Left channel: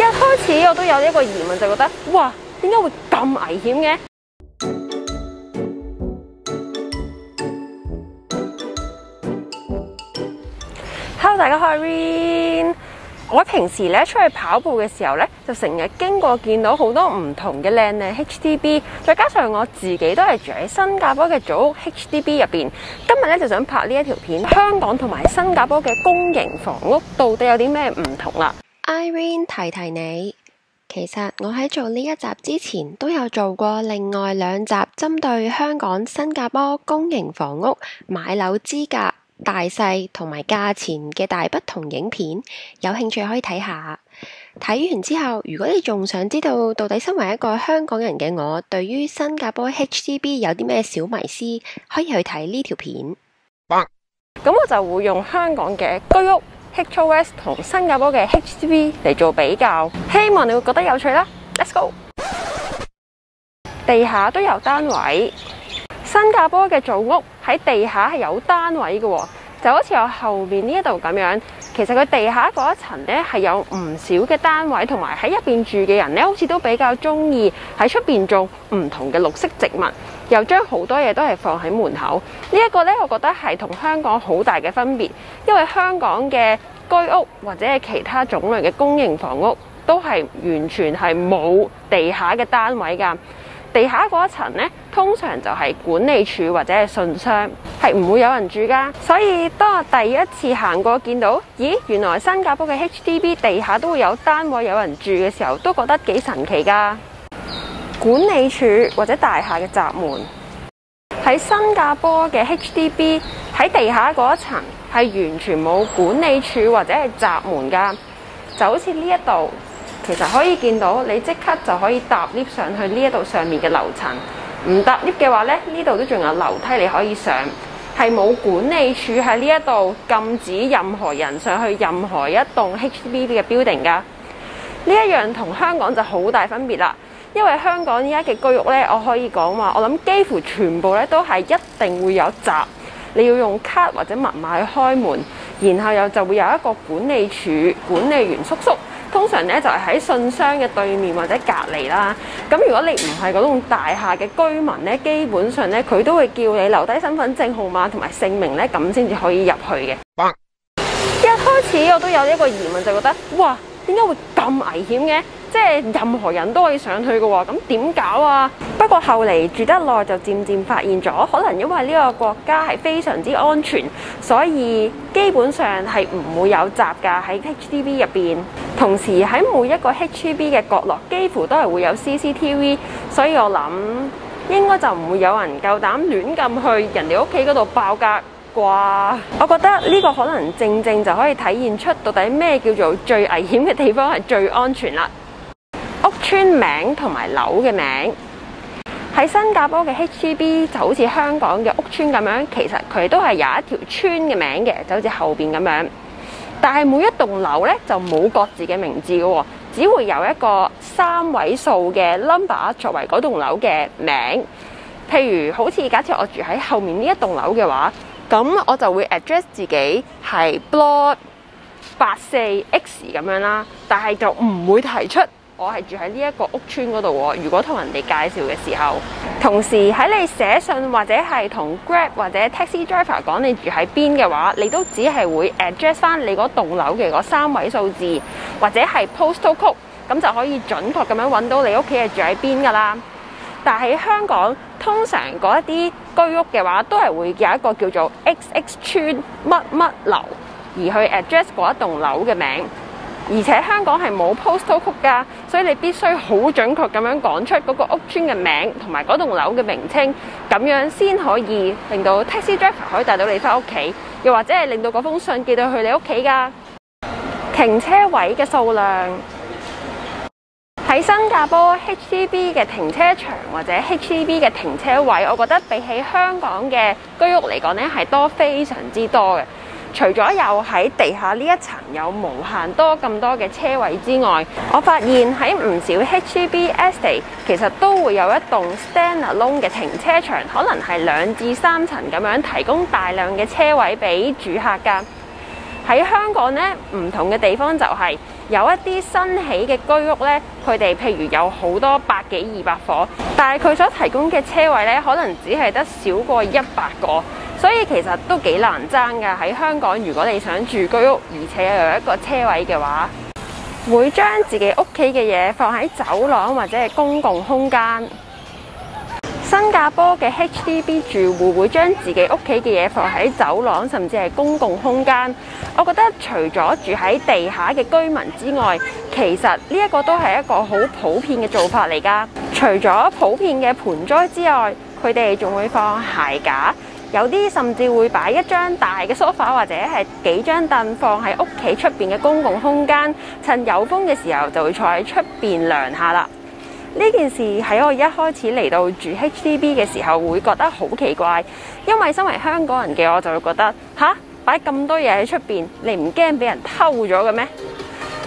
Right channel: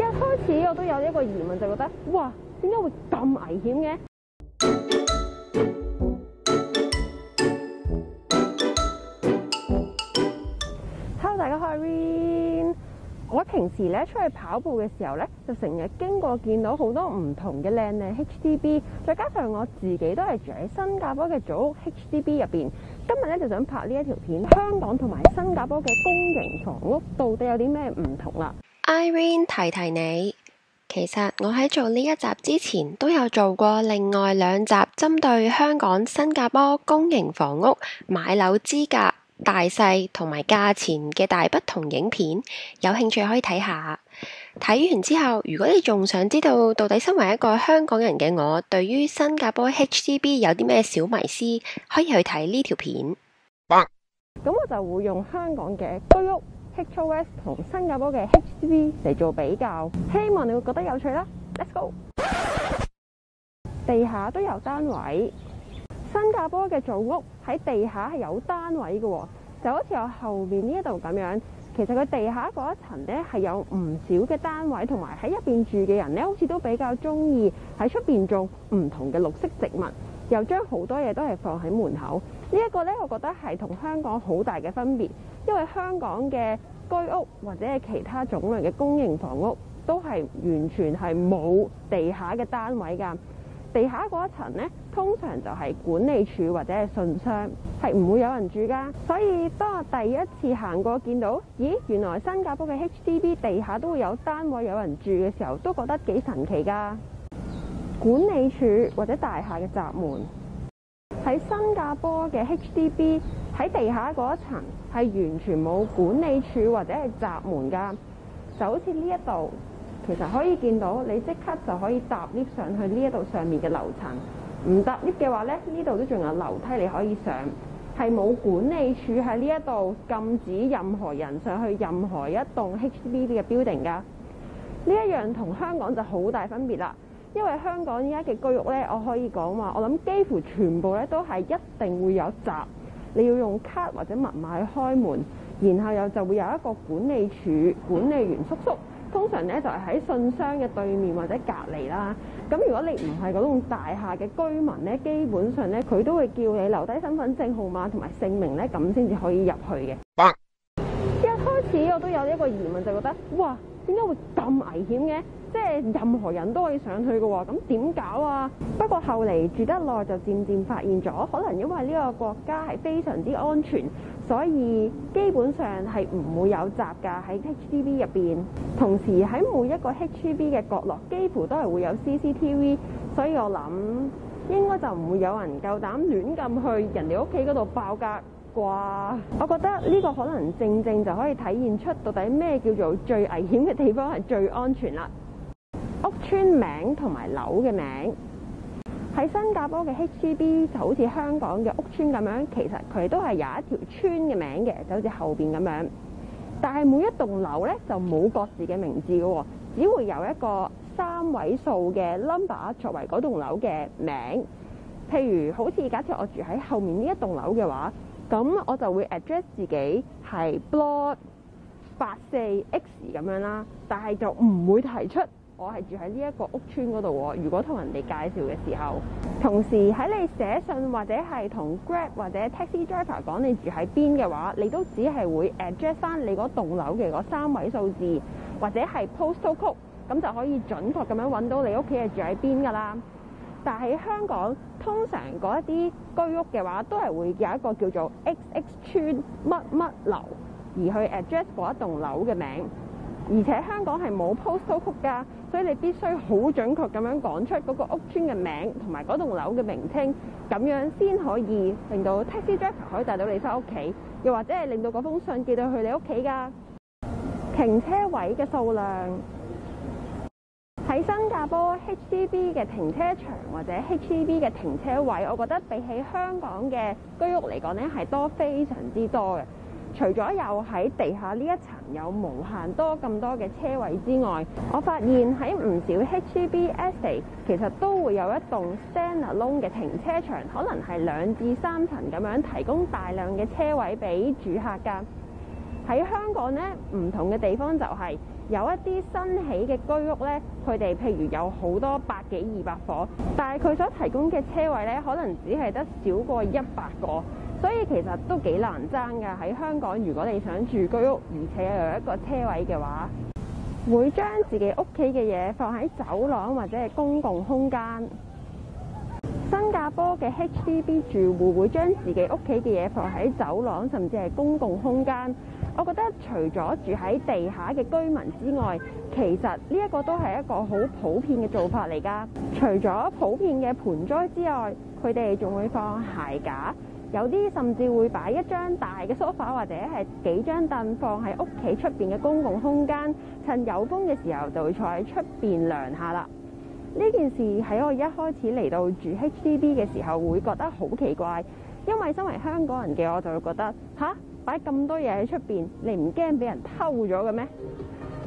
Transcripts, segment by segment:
一開始我都有一個疑問，就覺得哇，點解會咁危險嘅？Hello， 大家好，我係 Rin。我平時咧出去跑步嘅時候咧，就成日經過見到好多唔同嘅靚靚 HDB， 再加上我自己都係住喺新加坡嘅組屋 HDB 入邊。今日咧就想拍呢一條片，香港同埋新加坡嘅公營房屋到底有啲咩唔同啦。Irene 提提你，其實我喺做呢一集之前都有做過另外2集針對香港、新加坡公營房屋買樓資格、大細同埋價錢嘅大不同影片，有興趣可以睇下。睇完之後，如果你仲想知道到底身為一個香港人嘅我，對於新加坡 HDB 有啲咩小迷思，可以去睇呢條片。咁我就會用香港嘅居屋 HOS 同新加坡嘅 HDB 嚟做比較，希望你會覺得有趣啦。Let's go！ 地下都有單位。新加坡嘅組屋喺地下係有單位嘅，就好似我後面呢一度咁樣。其實佢地下嗰一層呢係有唔少嘅單位，同埋喺入邊住嘅人呢，好似都比較中意喺出邊種唔同嘅綠色植物，又將好多嘢都係放喺門口。呢一個呢，我覺得係同香港好大嘅分別，因為香港嘅居屋或者係其他種類嘅公營房屋都係完全係冇地下嘅單位㗎。地下嗰一層呢，通常就係管理處或者係信箱，係唔會有人住噶。所以當我第一次行過見到，咦，原來新加坡嘅 HDB 地下都會有單位有人住嘅時候，都覺得幾神奇噶。管理處或者大廈嘅閘門喺新加坡嘅 HDB 喺地下嗰一層係完全冇管理處或者係閘門噶，就好似呢一度。其實可以見到，你即刻就可以搭 lift 上去呢一度上面嘅樓層。唔搭 lift 嘅話呢，呢度都仲有樓梯你可以上，係冇管理處喺呢一度禁止任何人上去任何一棟 HDB 嘅 building 㗎。呢一樣同香港就好大分別啦。因為香港依家嘅居屋呢，我可以講話，我諗幾乎全部呢都係一定會有閘，你要用卡或者密碼去開門，然後又就會有一個管理處管理員叔叔。通常咧就係喺信箱嘅對面或者隔離啦。咁如果你唔係嗰棟大廈嘅居民咧，基本上咧佢都會叫你留低身份證號碼同埋姓名咧，咁先至可以入去嘅。一開始我都有一個疑問，就覺得哇，點解會咁危險嘅？即係任何人都可以上去嘅喎，咁點搞啊？不過後嚟住得耐就漸漸發現咗，可能因為呢個國家係非常之安全，所以基本上係唔會有閘㗎喺 HDB 入邊。同時喺每一個 HDB 嘅角落，幾乎都係會有 CCTV， 所以我諗應該就唔會有人夠膽亂咁去人哋屋企嗰度爆格啩。我覺得呢個可能正正就可以體現出到底咩叫做最危險嘅地方係最安全啦。屋村名同埋樓嘅名喺新加坡嘅 HDB 就好似香港嘅屋村咁樣，其實佢都係有一條村嘅名嘅，就好似後邊咁樣。但係每一棟樓咧就冇各自嘅名字嘅，只會有一個3位數嘅 number 作為嗰棟樓嘅名。譬如好似假設我住喺後面呢一棟樓嘅話，咁我就會 address 自己係 block 84X 咁樣啦，但係就唔會提出我係住喺呢一個屋村嗰度喎。如果同人哋介紹嘅時候，同時喺你寫信或者係同 Grab 或者 Taxi Driver 講你住喺邊嘅話，你都只係會 address 翻你嗰棟樓嘅嗰3位數字，或者係 postal code， 咁就可以準確咁樣揾到你屋企係住喺邊㗎啦。但喺香港，通常嗰一啲居屋嘅話，都係會有一個叫做 XX 村乜乜樓，而去 address 嗰一棟樓嘅名。而且香港係冇 postal code 㗎，所以你必須好準確咁樣講出嗰個屋村嘅名同埋嗰棟樓嘅名稱，咁樣先可以令到 taxi driver 可以帶到你返屋企，又或者係令到嗰封信寄到去你屋企㗎。停車位嘅數量喺新加坡 HDB 嘅停車場或者 HDB 嘅停車位，我覺得比起香港嘅居屋嚟講呢，係多非常之多嘅。除咗有喺地下呢一層有無限多咁多嘅車位之外，我發現喺唔少 HDB estate 其實都會有一棟 standalone 嘅停車場，可能係2至3層咁樣提供大量嘅車位俾住客㗎。喺香港呢，唔同嘅地方就係有一啲新起嘅居屋呢，佢哋譬如有好多百幾200伙，但係佢所提供嘅車位呢，可能只係得少過100個，所以其實都幾難爭㗎。喺香港，如果你想住居屋，而且又有一個車位嘅話，會將自己屋企嘅嘢放喺走廊或者係公共空間。新加坡嘅 HDB 住戶會將自己屋企嘅嘢放喺走廊，甚至係公共空間。我覺得除咗住喺地下嘅居民之外，其實呢一個都係一個好普遍嘅做法嚟㗎。除咗普遍嘅盆栽之外，佢哋仲會放鞋架，有啲甚至會擺一張大嘅梳化或者係幾張凳放喺屋企出邊嘅公共空間，趁有風嘅時候就會坐喺出邊涼下啦。呢件事喺我一開始嚟到住 HDB 嘅時候會覺得好奇怪，因為身為香港人嘅我就會覺得吓，擺咁多嘢喺出邊，你唔驚俾人偷咗嘅咩？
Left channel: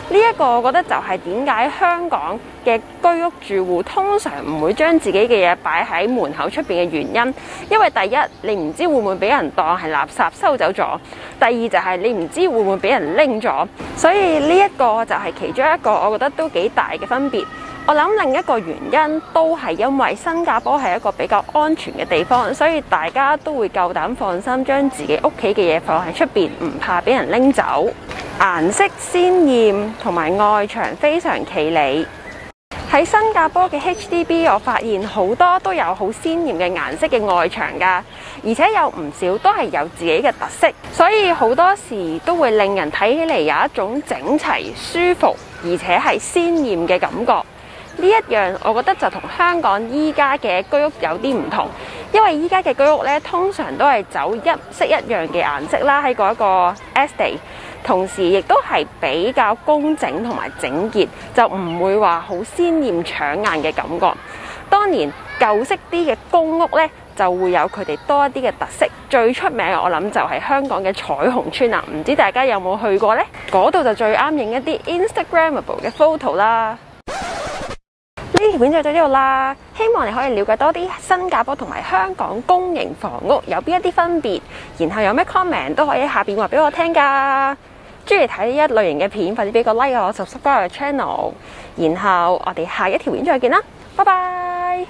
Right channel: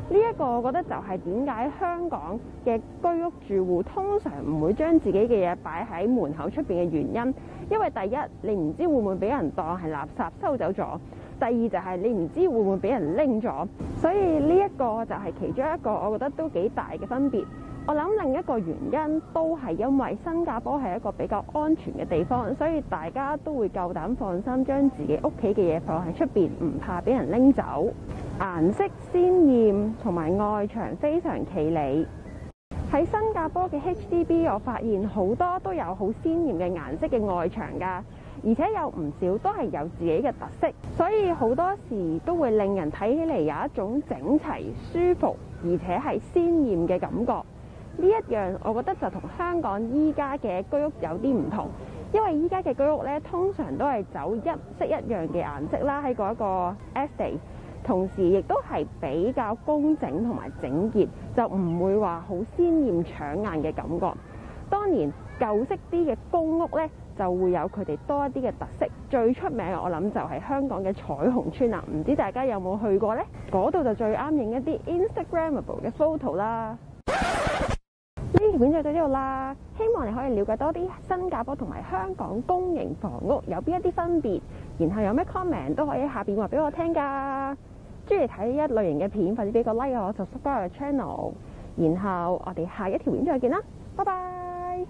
呢一個我覺得就係點解香港嘅居屋住戶通常唔會將自己嘅嘢擺喺門口出邊嘅原因，因為第一你唔知會唔會俾人當係垃圾收走咗，第二就係你唔知會唔會俾人拎咗，所以呢一個就係其中一個我覺得都幾大嘅分別。我諗另一個原因都係因為新加坡係一個比較安全嘅地方，所以大家都會夠膽放心將自己屋企嘅嘢放喺出邊，唔怕俾人拎走。顏色鮮豔同埋外牆非常企理。喺新加坡嘅 HDB， 我發現好多都有好鮮豔嘅顏色嘅外牆㗎，而且有唔少都係有自己嘅特色，所以好多時都會令人睇起嚟有一種整齊、舒服而且係鮮豔嘅感覺。呢一樣我覺得就同香港依家嘅居屋有啲唔同，因為依家嘅居屋咧通常都係走一式一樣嘅顏色啦，喺嗰一個 estate， 同時亦都係比較工整同埋整潔，就唔會話好鮮豔搶眼嘅感覺。當然舊式啲嘅公屋咧就會有佢哋多一啲嘅特色，最出名我諗就係香港嘅彩虹村啦，唔知大家有冇去過呢？嗰度就最啱影一啲 Instagrammable 嘅 photo 啦。呢條片就到呢度啦，希望你可以了解多啲新加坡同埋香港公營房屋有邊一啲分別，然後有咩 comment 都可以喺下邊話俾我聽㗎。中意睇呢一類型嘅片，快啲俾個 like 我 subscribe 我嘅 channel，然後我哋下一條片再見啦，拜拜。